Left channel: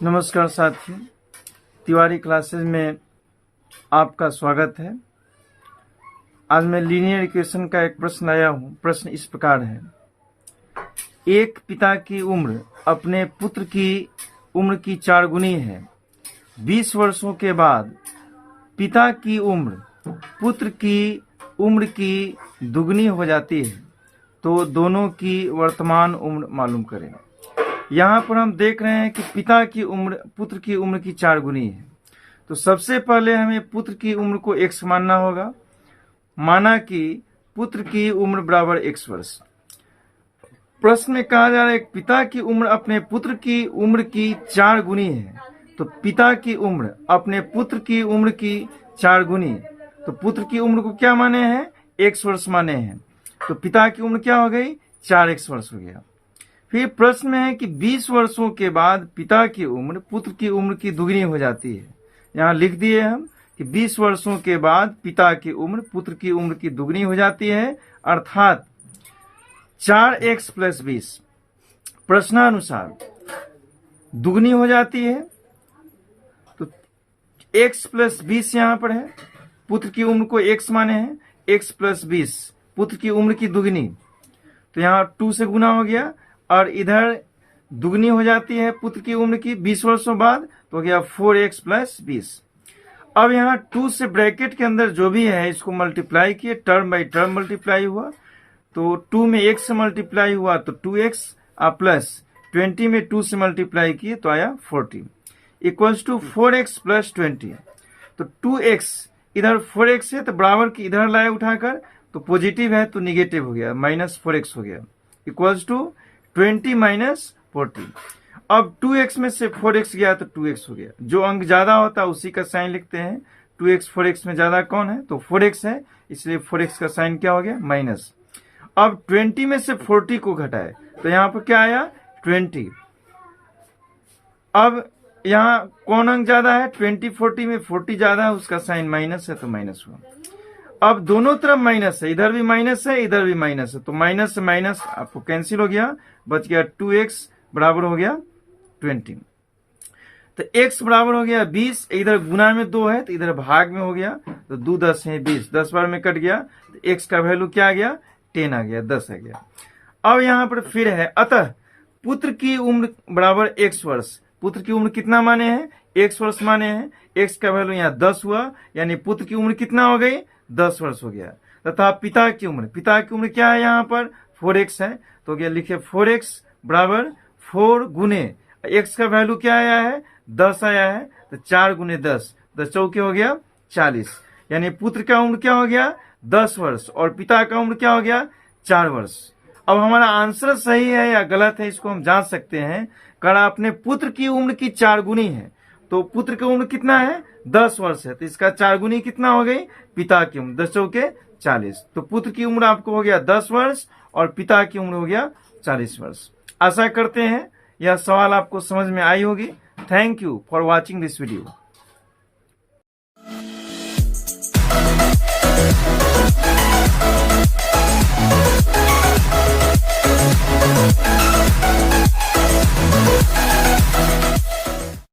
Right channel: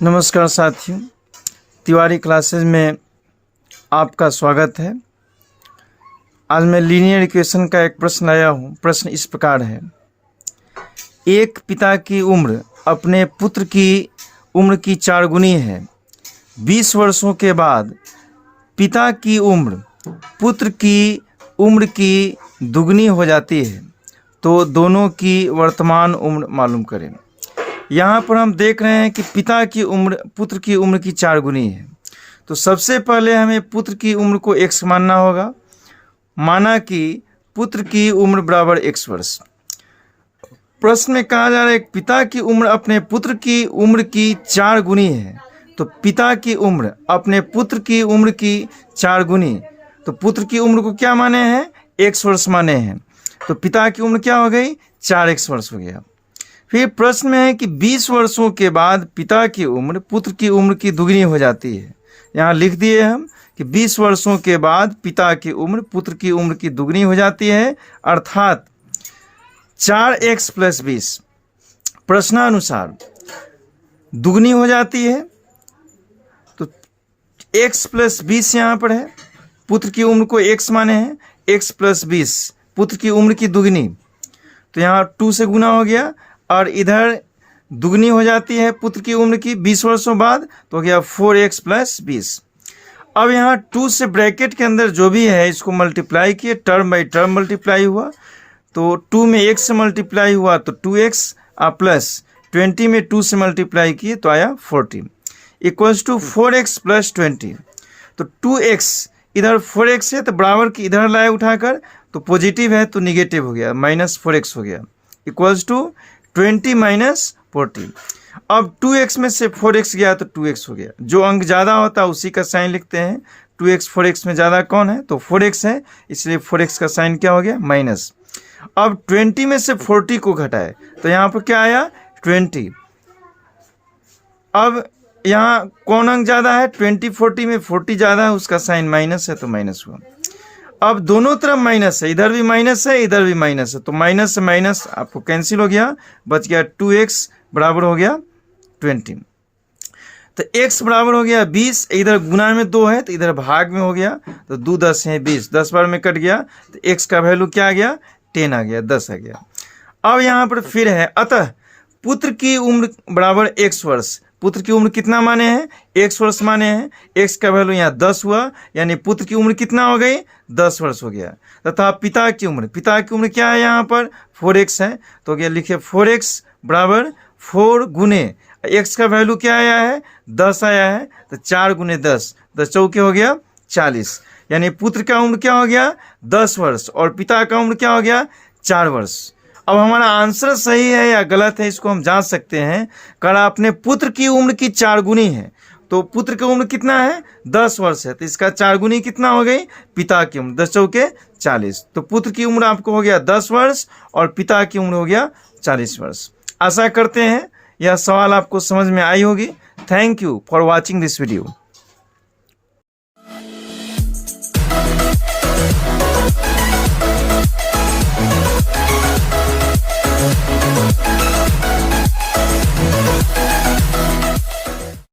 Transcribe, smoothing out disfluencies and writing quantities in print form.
नमस्कार साथियों, तिवारी क्लासेस में आपका स्वागत है। आज मैं लीनियर इक्वेशन का एक प्रश्न लाया हूँ। प्रश्न इस प्रकार है। एक पिता की उम्र अपने पुत्र की उम्र की 4 गुनी है। 20 वर्षों के बाद पिता की उम्र पुत्र की उम्र की दुगनी हो जाती है, तो दोनों की वर्तमान उम्र मालूम करें। यहाँ पर हम देख रहे हैं कि पिता की उम्र पुत्र की उम्र की 4 गुनी है। तो सबसे पहले हमें पुत्र की उम्र को x मानना होगा। माना कि पुत्र की उम्र बराबर x वर्ष। प्रश्न में कहा जा रहा है पिता की उम्र अपने पुत्र की उम्र की 4 गुनी है। तो पिता की उम्र अपने पुत्र की उम्र की 4 गुनी, तो पुत्र की उम्र को क्या माने हैं? x वर्ष माने हैं। तो पिता की उम्र क्या हो गई? 4x वर्ष हो गया। फिर प्रश्न में है कि 20 वर्षों के बाद पिता की उम्र पुत्र की उम्र की दुगनी हो जाती है। यहाँ लिख दिए हम कि 20 वर्षों के बाद पिता की उम्र पुत्र की उम्र की दुगनी हो जाती है, अर्थात 4x + 20 प्रश्नानुसार दुगनी हो जाती है। तो x + 20 यहाँ पर है। पुत्र की उम्र को x माने हैं, x + 20 पुत्र की उम्र की दुगनी, तो यहाँ 2 से गुना हो गया और इधर दुगनी हो जाती है पुत्र की उम्र की 20 वर्षों बाद, तो हो गया 4x + 20। अब यहाँ 2 से ब्रैकेट के अंदर जो भी है इसको मल्टीप्लाई किए, टर्म बाई टर्म मल्टीप्लाई हुआ। तो 2 में 1 से मल्टीप्लाई हुआ तो 2x प्लस 20 में 2 से मल्टीप्लाई किए तो आया 40 इक्वल्स टू 4x + 20। तो 2x इधर 4x है तो बराबर की इधर लाए उठाकर, तो पॉजिटिव है तो निगेटिव हो गया, -4x हो गया इक्वल्स टू 20 - 40। अब 2x में से 4x गया तो 2x हो गया। जो अंक ज़्यादा होता है उसी का साइन लिखते हैं। 2x 4x में ज़्यादा कौन है? तो 4x है, इसलिए 4x का साइन क्या हो गया? माइनस। अब 20 में से 40 को घटाए तो यहाँ पर क्या आया? 20। अब यहाँ कौन अंक ज़्यादा है? 20 40 में 40 ज़्यादा है, उसका साइन माइनस है तो माइनस हुआ। अब दोनों तरफ माइनस है, इधर भी माइनस है इधर भी माइनस है, तो माइनस से माइनस आपको कैंसिल हो गया, बच गया 2x बराबर हो गया 20। तो x बराबर हो गया 20, इधर गुना में 2 है तो इधर भाग में हो गया, तो 2 10 है 20, 10 बार में कट गया तो x का वैल्यू क्या आ गया? 10 आ गया, 10 आ गया। अब यहाँ पर फिर है, अतः पुत्र की उम्र बराबर x वर्ष। पुत्र की उम्र कितना माने हैं? x वर्ष माने हैं। x का वैल्यू यहाँ 10 हुआ, यानी पुत्र की उम्र कितना हो गई? 10 वर्ष हो गया। तथा पिता की उम्र क्या है? यहाँ पर 4x है, तो क्या लिखे 4x बराबर 4 गुने x का वैल्यू क्या आया है? 10 आया है, तो 4 गुने 10, 10 चौके हो गया 40, यानी पुत्र का उम्र क्या हो गया? 10 वर्ष और पिता का उम्र क्या हो गया? 4 वर्ष। अब हमारा आंसर सही है या गलत है इसको हम जांच सकते हैं। कारण अपने पुत्र की उम्र की 4 गुनी है, तो पुत्र की उम्र कितना है? 10 वर्ष है, तो इसका 4 गुनी कितना हो गई? पिता की उम्र 10 चौके 40। तो पुत्र की उम्र आपको हो गया 10 वर्ष और पिता की उम्र हो गया 40 वर्ष। आशा करते हैं यह सवाल आपको समझ में आई होगी। Thank you for watching this video.